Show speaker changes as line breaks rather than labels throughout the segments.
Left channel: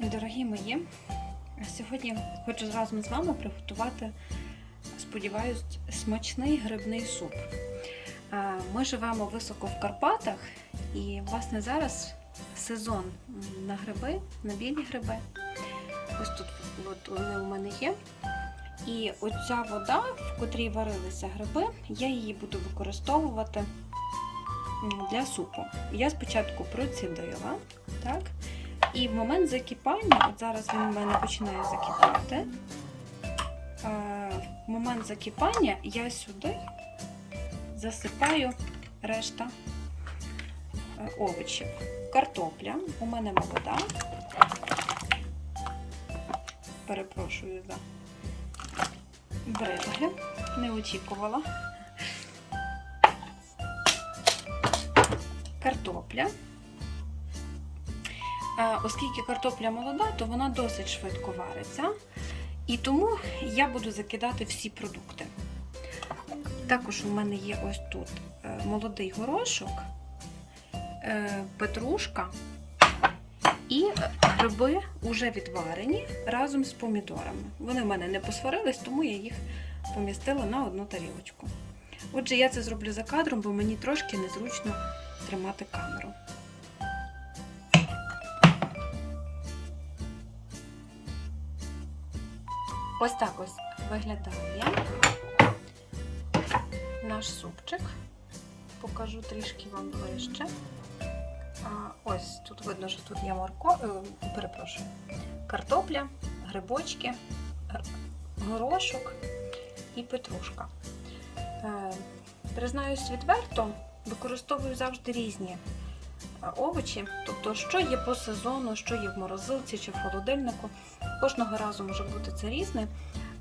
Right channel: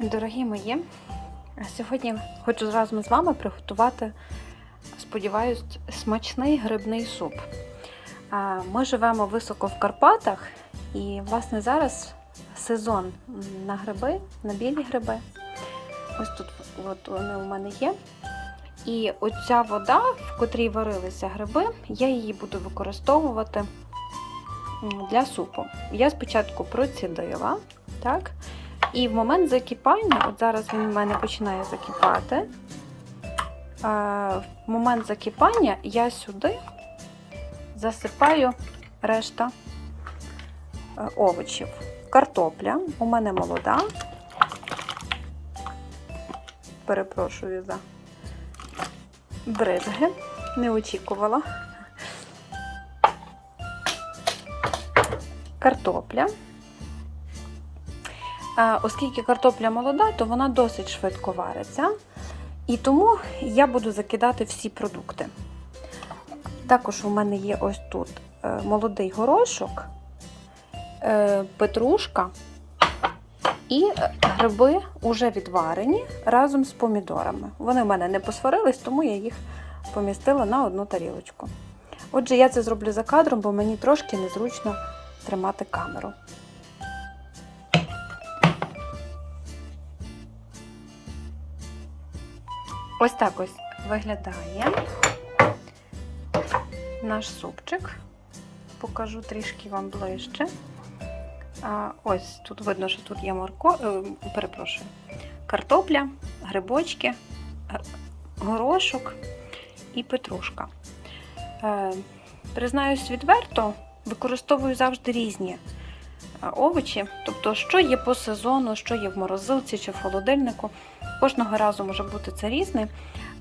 Дорогі мої, сьогодні хочу разом з вами приготувати, сподіваюсь, смачний грибний суп. Ми живемо високо в Карпатах, і, власне, зараз сезон на гриби, на білі гриби. Ось тут от вони у мене є. І оця вода, в котрій варилися гриби, я її буду використовувати для супу. Я спочатку процідила, так? І в момент закипання, от зараз він в мене починає закипати. В момент закипання я сюди засипаю решта е, овочів. Картопля у мене молода. Перепрошую за бризги, не очікувала. Картопля. Оскільки картопля молода, то вона досить швидко вариться. І тому я буду закидати всі продукти. Також у мене є ось тут е, молодий горошок, е, петрушка і гриби вже відварені разом з помідорами. Вони в мене не посварились, тому я їх помістила на одну тарілочку. Отже, я це зроблю за кадром, бо мені трошки незручно тримати камеру. Ось так ось виглядає наш супчик. Покажу трішки вам ближче. Ось тут видно, що тут є морко, е, перепрошую, картопля, грибочки, горошок і петрушка. Е, признаюсь відверто, використовую завжди різні е, овочі, тобто, що є по сезону, що є в морозилці чи в холодильнику. Кожного разу може бути це різне,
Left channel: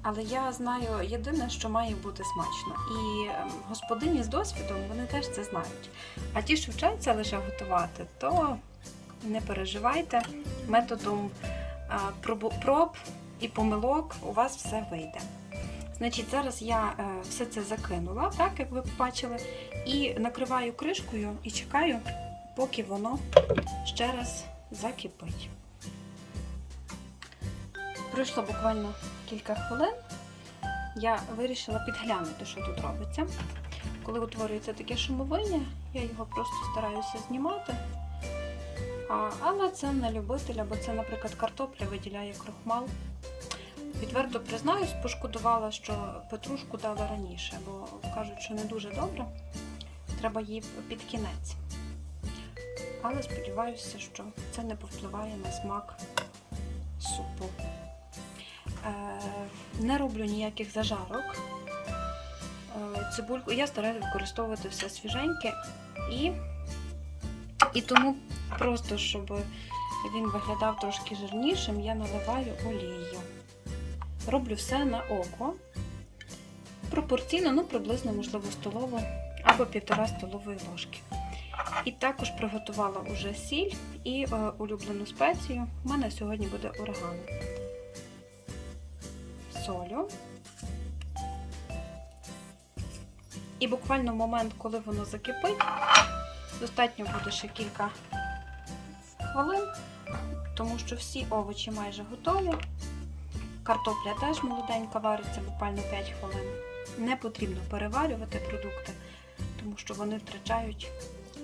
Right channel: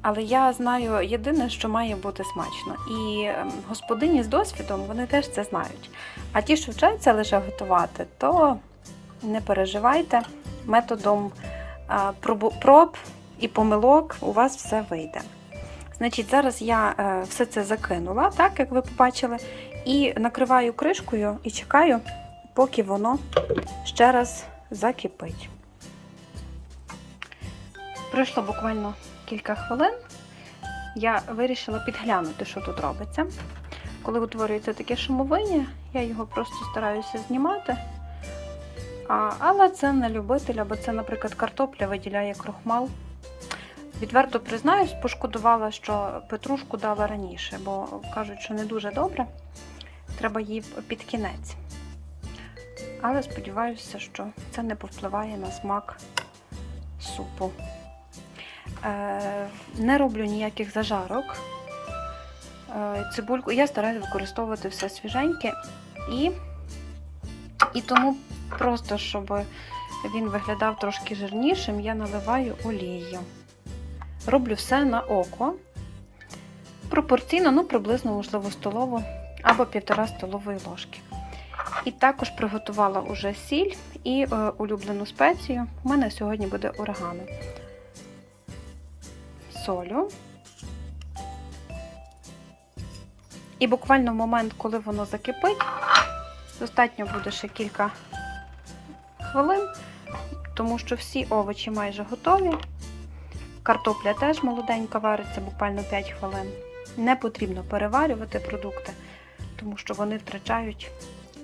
але я знаю єдине, що має бути смачно. І ем, господині з досвідом вони теж це знають. А ті, що вчаться лише готувати, то не переживайте, методом проб і помилок у вас все вийде. Значить, зараз я е, все це закинула, так як ви побачили, і накриваю кришкою і чекаю, поки воно ще раз закипить. Пройшло буквально кілька хвилин. Я вирішила підглянути, що тут робиться. Коли утворюється таке шумовиння, я його просто стараюся знімати. А, але це не любителя, бо це, наприклад, картопля виділяє крохмал. Відверто признаюсь, пошкодувала, що петрушку дала раніше, бо кажуть, що не дуже добре. Треба її під кінець. Але сподіваюся, що це не повпливає на смак супу. Е, не роблю ніяких зажарок. Е, цибульку я стараюся використовувати все свіженьке і, і тому просто, щоб він виглядав трошки жирнішим, я наливаю олію. Роблю все на око. Пропорційно, ну, приблизно, можливо, столову або півтора столової ложки. І також приготувала уже сіль і е, улюблену спецію. У мене сьогодні буде орегано. Солю. І буквально в момент, коли воно закипить, достатньо буде ще кілька хвилин, тому що всі овочі майже готові. Картопля теж молоденька вариться буквально 5 хвилин. Не потрібно переварювати продукти, тому що вони втрачають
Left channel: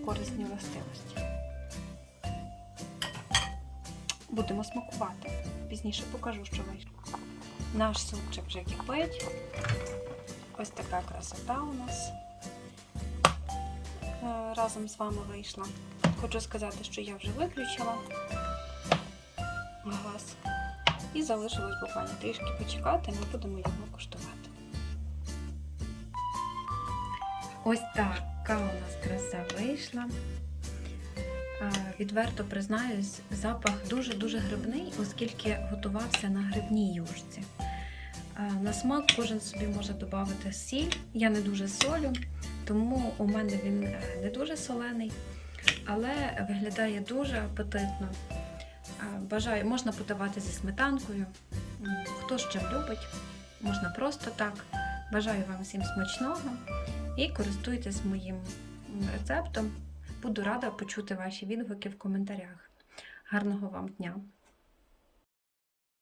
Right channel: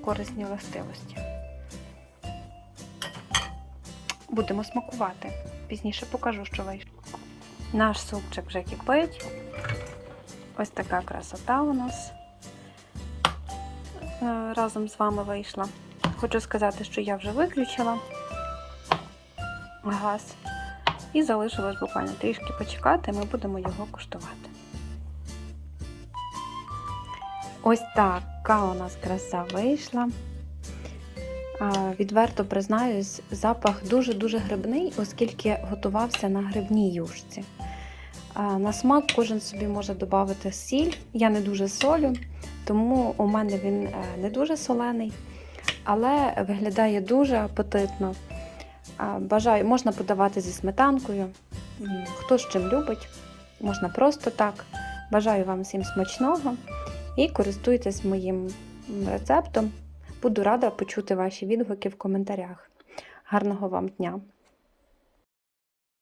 корисні властивості. Будемо смакувати. Пізніше покажу, що вийшло. Наш супчик вже кипить. Ось така красота у нас е, разом з вами вийшла. Хочу сказати, що я вже виключила газ і залишилось буквально трішки почекати, ми будемо його куштувати. Ось така у нас краса вийшла. Відверто признаюсь, запах дуже-дуже грибний, оскільки готувався на грибній юшці. На смак кожен собі може додати сіль. Я не дуже солю, тому у мене він е, не дуже солений, але виглядає дуже апетитно. Бажаю, можна подавати зі сметанкою. Хто з чим любить, можна просто так. Бажаю вам всім смачного і користуйтесь моїм рецептом. Буду рада почути ваші відгуки в коментарях. Гарного вам дня!